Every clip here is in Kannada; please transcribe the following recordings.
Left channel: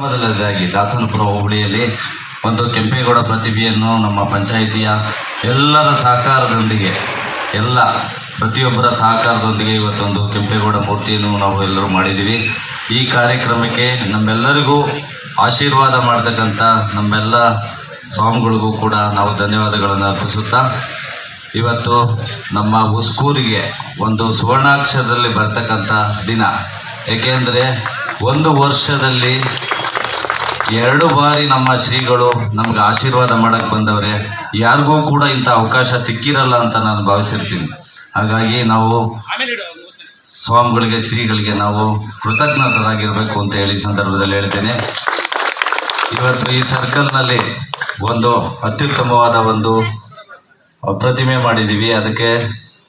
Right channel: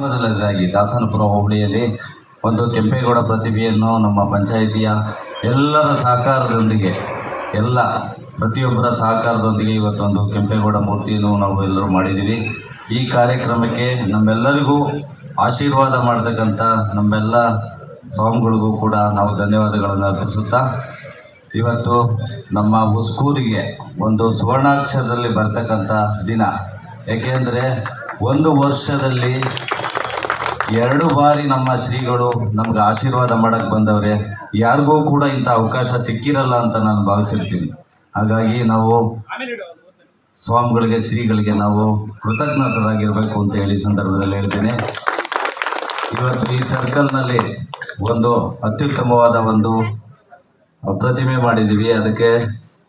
ಮೊದಲನೇದಾಗಿ ದಾಸನಪುರ ಹೋಬಳಿಯಲ್ಲಿ ಒಂದು ಕೆಂಪೇಗೌಡ ಪ್ರತಿಭೆಯನ್ನು ನಮ್ಮ ಪಂಚಾಯಿತಿಯ ಎಲ್ಲರ ಸಹಕಾರದೊಂದಿಗೆ ಪ್ರತಿಯೊಬ್ಬರ ಸಹಕಾರದೊಂದಿಗೆ ಇವತ್ತೊಂದು ಕೆಂಪೇಗೌಡ ಮೂರ್ತಿಯನ್ನು ನಾವು ಎಲ್ಲರೂ ಮಾಡಿದ್ದೀವಿ. ಈ ಕಾರ್ಯಕ್ರಮಕ್ಕೆ ನಮ್ಮೆಲ್ಲರಿಗೂ ಆಶೀರ್ವಾದ ಮಾಡತಕ್ಕಂಥ ನಮ್ಮೆಲ್ಲ ಸ್ವಾಮಿಗಳಿಗೂ ಕೂಡ ನಾವು ಧನ್ಯವಾದಗಳನ್ನು ಅರ್ಪಿಸುತ್ತಾ, ಇವತ್ತು ನಮ್ಮ ಉಸ್ಕೂರಿಗೆ ಒಂದು ಸುವರ್ಣಾಕ್ಷರದಲ್ಲಿ ಬರ್ತಕ್ಕಂಥ ದಿನ. ಏಕೆಂದರೆ ಒಂದು ವರ್ಷದಲ್ಲಿ 2 ಬಾರಿ ನಮ್ಮ ಶ್ರೀಗಳು ನಮ್ಗೆ ಆಶೀರ್ವಾದ ಮಾಡೋಕ್ಕೆ ಬಂದವ್ರೆ. ಯಾರಿಗೂ ಕೂಡ ಇಂಥ ಅವಕಾಶ ಸಿಕ್ಕಿರಲ್ಲ ಅಂತ ನಾನು ಭಾವಿಸಿರ್ತೀನಿ. ಹಾಗಾಗಿ ನಾವು ಸ್ವಾಮಿಗಳಿಗೆ, ಶ್ರೀಗಳಿಗೆ ನಾವು ಕೃತಜ್ಞತರಾಗಿರಬೇಕು ಅಂತ ಹೇಳಿ ಸಂದರ್ಭದಲ್ಲಿ ಹೇಳ್ತೇನೆ. ಇವತ್ತು ಈ ಸರ್ಕಲ್ನಲ್ಲಿ ಒಂದು ಅತ್ಯುತ್ತಮವಾದ ಒಂದು ಪ್ರತಿಮೆ ಮಾಡಿದ್ದೀವಿ. ಅದಕ್ಕೆ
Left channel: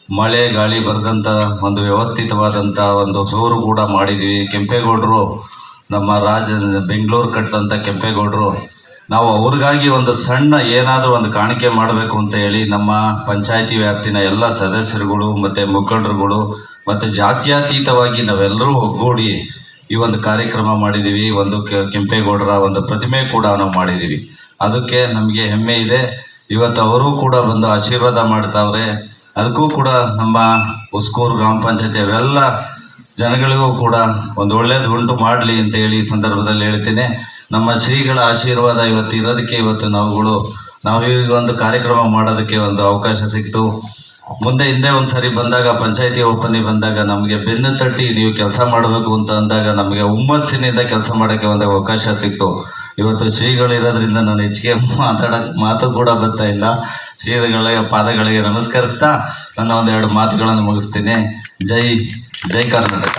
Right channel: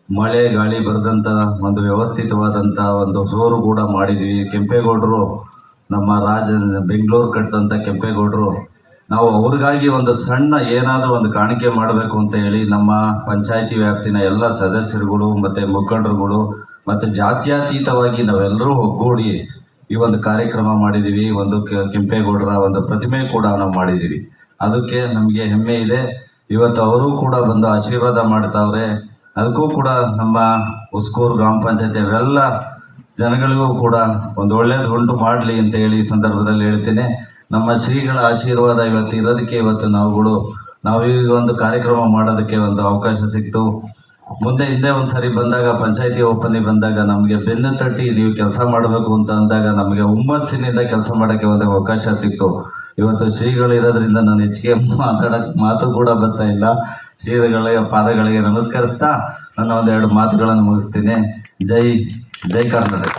ಮಳೆ ಗಾಳಿ ಬರೆದಂಥ ಒಂದು ವ್ಯವಸ್ಥಿತವಾದಂಥ ಒಂದು ಫ್ಲೋರು ಕೂಡ ಮಾಡಿದ್ದೀವಿ. ಕೆಂಪೇಗೌಡರು ನಮ್ಮ ಬೆಂಗಳೂರು ಕಟ್ಟಿದಂಥ ಕೆಂಪೇಗೌಡರು, ನಾವು ಅವ್ರಿಗಾಗಿ ಒಂದು ಸಣ್ಣ ಏನಾದರೂ ಒಂದು ಕಾಣಿಕೆ ಮಾಡಬೇಕು ಅಂತ ಹೇಳಿ ನಮ್ಮ ಪಂಚಾಯಿತಿ ವ್ಯಾಪ್ತಿನ ಎಲ್ಲ ಸದಸ್ಯರುಗಳು ಮತ್ತು ಮುಖಂಡರುಗಳು ಮತ್ತು ಜಾತ್ಯತೀತವಾಗಿ ನಾವೆಲ್ಲರೂ ಒಗ್ಗೂಡಿ ಈ ಒಂದು ಕಾರ್ಯಕ್ರಮ ಮಾಡಿದ್ದೀವಿ. ಒಂದು ಕೆಂಪೇಗೌಡರ ಒಂದು ಪ್ರತಿಮೆ ಕೂಡ ನಾವು ಮಾಡಿದ್ದೀವಿ. ಅದಕ್ಕೆ ನಮಗೆ ಹೆಮ್ಮೆ ಇದೆ. ಇವತ್ತು ಅವರು ಕೂಡ ಬಂದು ಆಶೀರ್ವಾದ ಮಾಡ್ತಾವ್ರೆ. ಅದಕ್ಕೂ ಕೂಡ ನಮ್ಮ ಉಸ್ಕೂರು ಗ್ರಾಮ ಪಂಚಾಯತಿ ಅವೆಲ್ಲ ಜನಗಳಿಗೂ ಕೂಡ ಒಂದು ಒಳ್ಳೆಯದು ಉಂಟು ಮಾಡಲಿ ಅಂತ ಹೇಳಿ ಈ ಸಂದರ್ಭದಲ್ಲಿ ಹೇಳ್ತೇನೆ. ನಮ್ಮ ಶ್ರೀಗಳ ಆಶೀರ್ವಾದ ಇವತ್ತು ಇರೋದಕ್ಕೆ ಇವತ್ತು ನಾವು ಈ ಒಂದು ಕಾರ್ಯಕ್ರಮ ಮಾಡೋದಕ್ಕೆ ಒಂದು ಅವಕಾಶ ಸಿಕ್ತು. ಹಿಂದೆ ಒಂದು ಸರಿ ಬಂದಾಗ, ಪಂಚಾಯತಿ ಓಪನಿಗೆ ಬಂದಾಗ ನಮಗೆ ಬೆನ್ನು ತಟ್ಟಿ ನೀವು ಕೆಲಸ ಮಾಡಬೇಕು ಅಂತ ಅಂದಾಗ ನಮಗೆ ಹುಮ್ಮಸ್ಸಿನಿಂದ ಕೆಲಸ ಮಾಡೋಕ್ಕೆ ಒಂದು ಅವಕಾಶ ಸಿಕ್ತು. ಇವತ್ತು ಶ್ರೀಗಳು ಇರೋದ್ರಿಂದ ನಾನು ಹೆಚ್ಚಿಗೆ ಮಾತು ಕೂಡ ಬರ್ತಾ ಇಲ್ಲ. ಶ್ರೀಗಳಿಗೆ ಪಾದಗಳಿಗೆ ನಮಸ್ಕರಿಸ್ತಾ ನನ್ನ 2 ಮಾತುಗಳನ್ನು ಮುಗಿಸ್ತೀನಿ. ಜೈ ಕರ್ನಾಟಕ.